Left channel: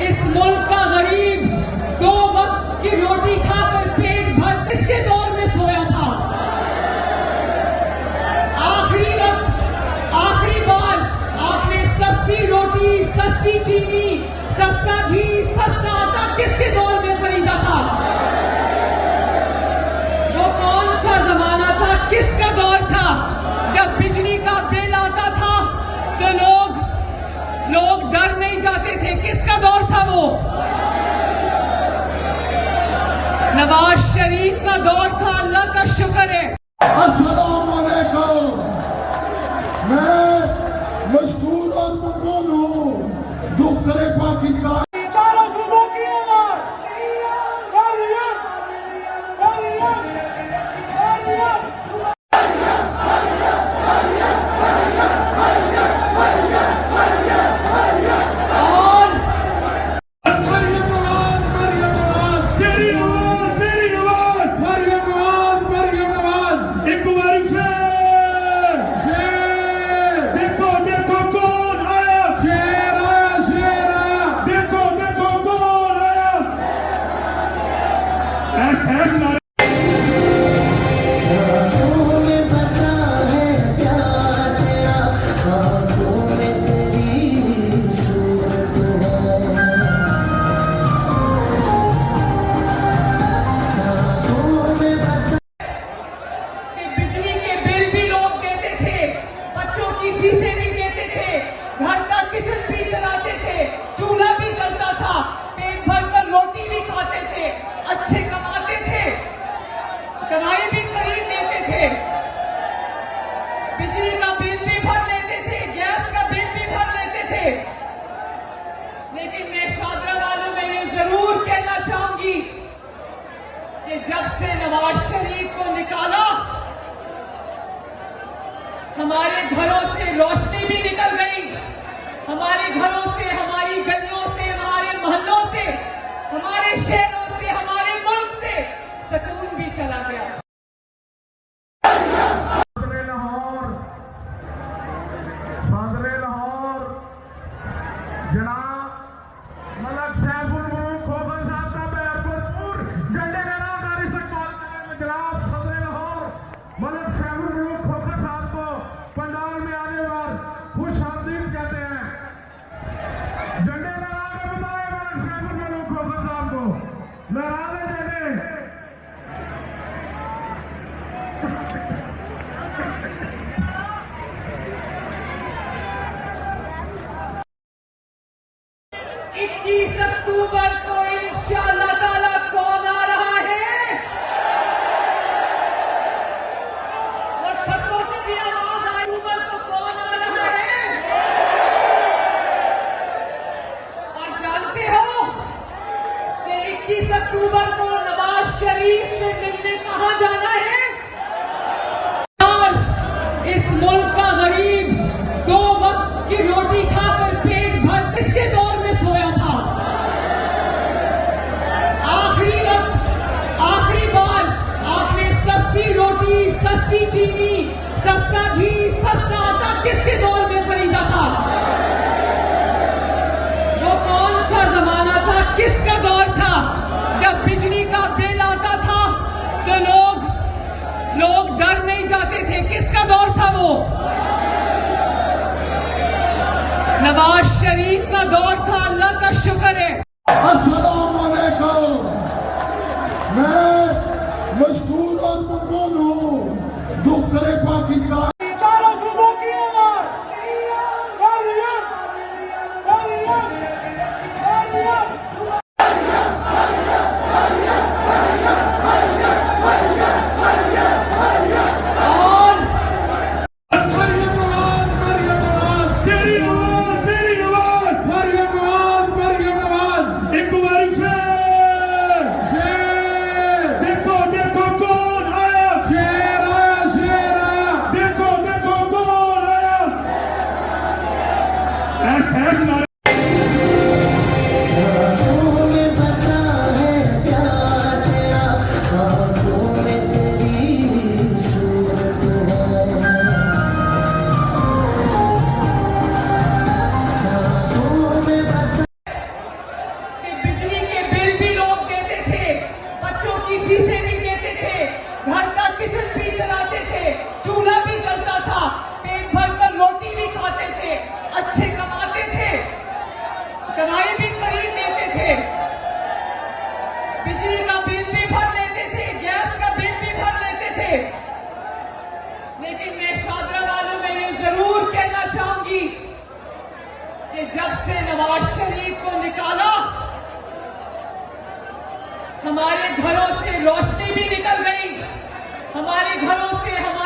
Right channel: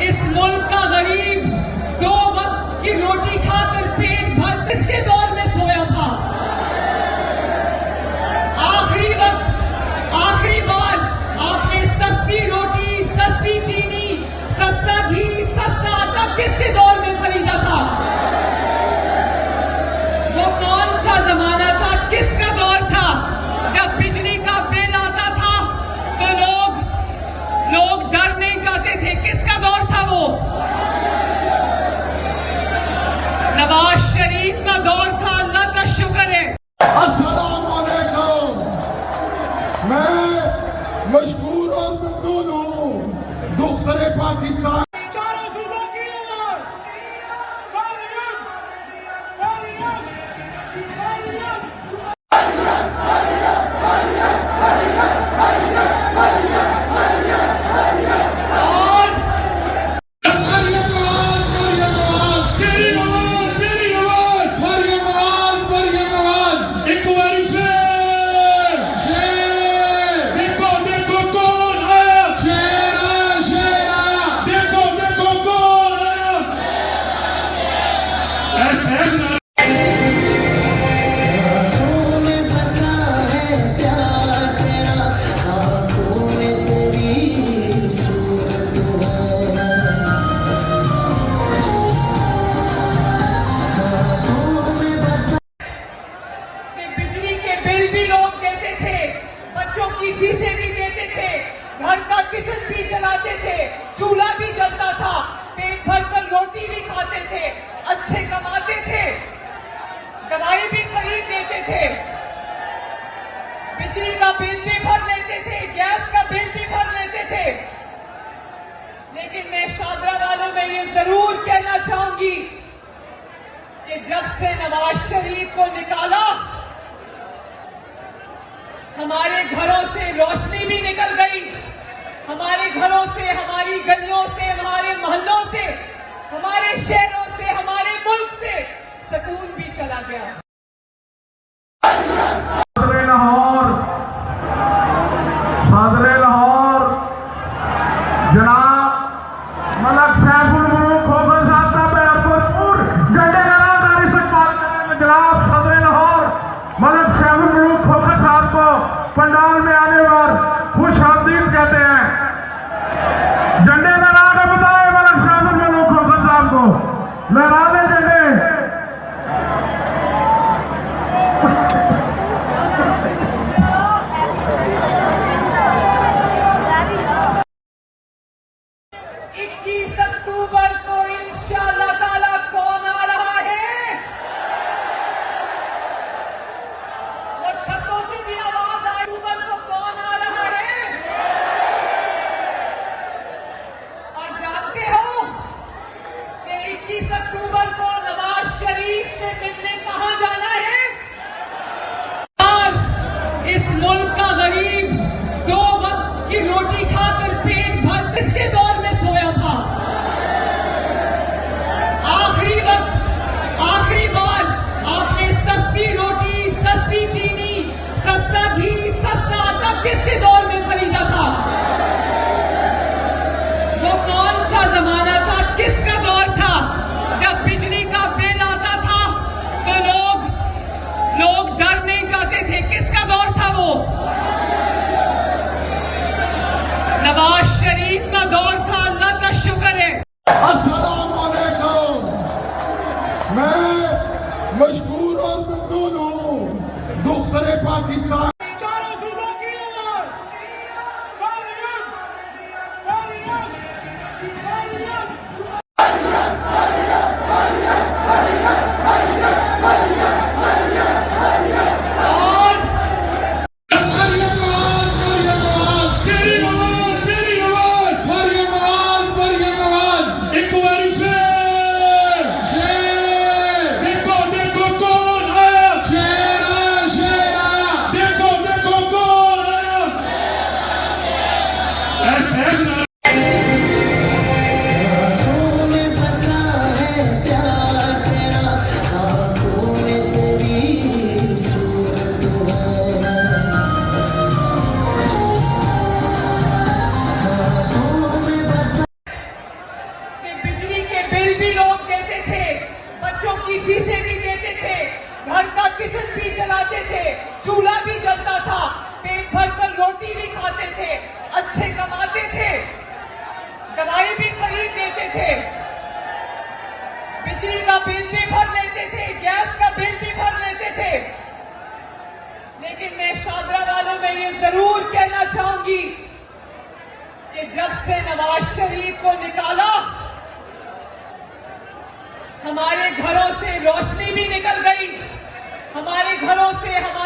इस मुल्क का गरीब 2 वक्त की रोटी खाकर पेट भर किसके दौर में सोया था? आखिरी वक्त, आखिरी बार आपने सस्ती रोटी, सस्ती चीनी, सस्ता घी, सस्ता आटा किसके दौर में खरीदा था? वो कौन सा जमाना था, किसका दौर था जब बिजली का बिल आता था तो लोग डर नहीं जाते थे? किसका दौर था वो? नवाज शरीफ का दौर था। अल्लाह का शुक्र है। अस्सलाम वालेकुम। मैं मशहूर और मकबूल हूँ दूसरे पाकिस्तान। फीसें भी देते थे, घर का किचन भी चलाते थे, चूल्हा भी जलता था, पेट भर कर रोटी भी खाते थे, अच्छे कमाते थे, दवाई भी खरीद लेते थे, बिजली का बिल भी भर लेते थे, गैस का बिल भी भर लेते थे। लेकिन मैं शादरा वालों में ये जरूर कहना चाहूंगी कि जब से नवाज शरीफ को निकाला, हमारे घरों से रोशनी भी निकल गई, हमारे घरों से, हमारी गलियों से, हमारे मोहल्लों से, हमारे शहरों से, हमारे मुल्क से सुकून भी चला गया। सदरे लाहौर जनाब मलक सैफुल मुल्क खोखर साहब का मैं भरपूर झंडे नारादारी से बात करेंगे। जनाब सदरे लाहौर मलक सैफुल मुल्क खोखर साहब को पंडाल में आने और खुश आमदीद कहते हैं। झंडे लहरा के बताए मलक सैफुल मुल्क खोखर साहब को, लहरा दे झंडे। अक्टूबर को इंशाअल्लाह ताला कौन आ रहा है? और छतों से भी आवाज आई, अक्टूबर को कौन आ रहा है? और जानते हो कि 21 अक्टूबर को नवाज शरीफ से मिलने कहां जाना है? आज इस मुल्क का गरीब 2 वक्त की रोटी खाकर पेट भर किसके दौर में सोया था? आखिरी वक्त, आखिरी बार आपने सस्ती रोटी, सस्ती चीनी, सस्ता घी, सस्ता आटा किसके दौर में खरीदा था? वो कौन सा जमाना था, किसका दौर था जब बिजली का बिल आता था तो अच्छे कमाते थे, दवाई भी खरीद लेते थे, बिजली का बिल भी भर लेते थे, गैस का बिल भी भर लेते थे। लेकिन मैं शादरा वालों में ये जरूर कहना चाहूंगी कि जब से नवाज शरीफ को निकाला, हमारे घरों से रोशनी भी निकल गई, हमारे घरों से हमारे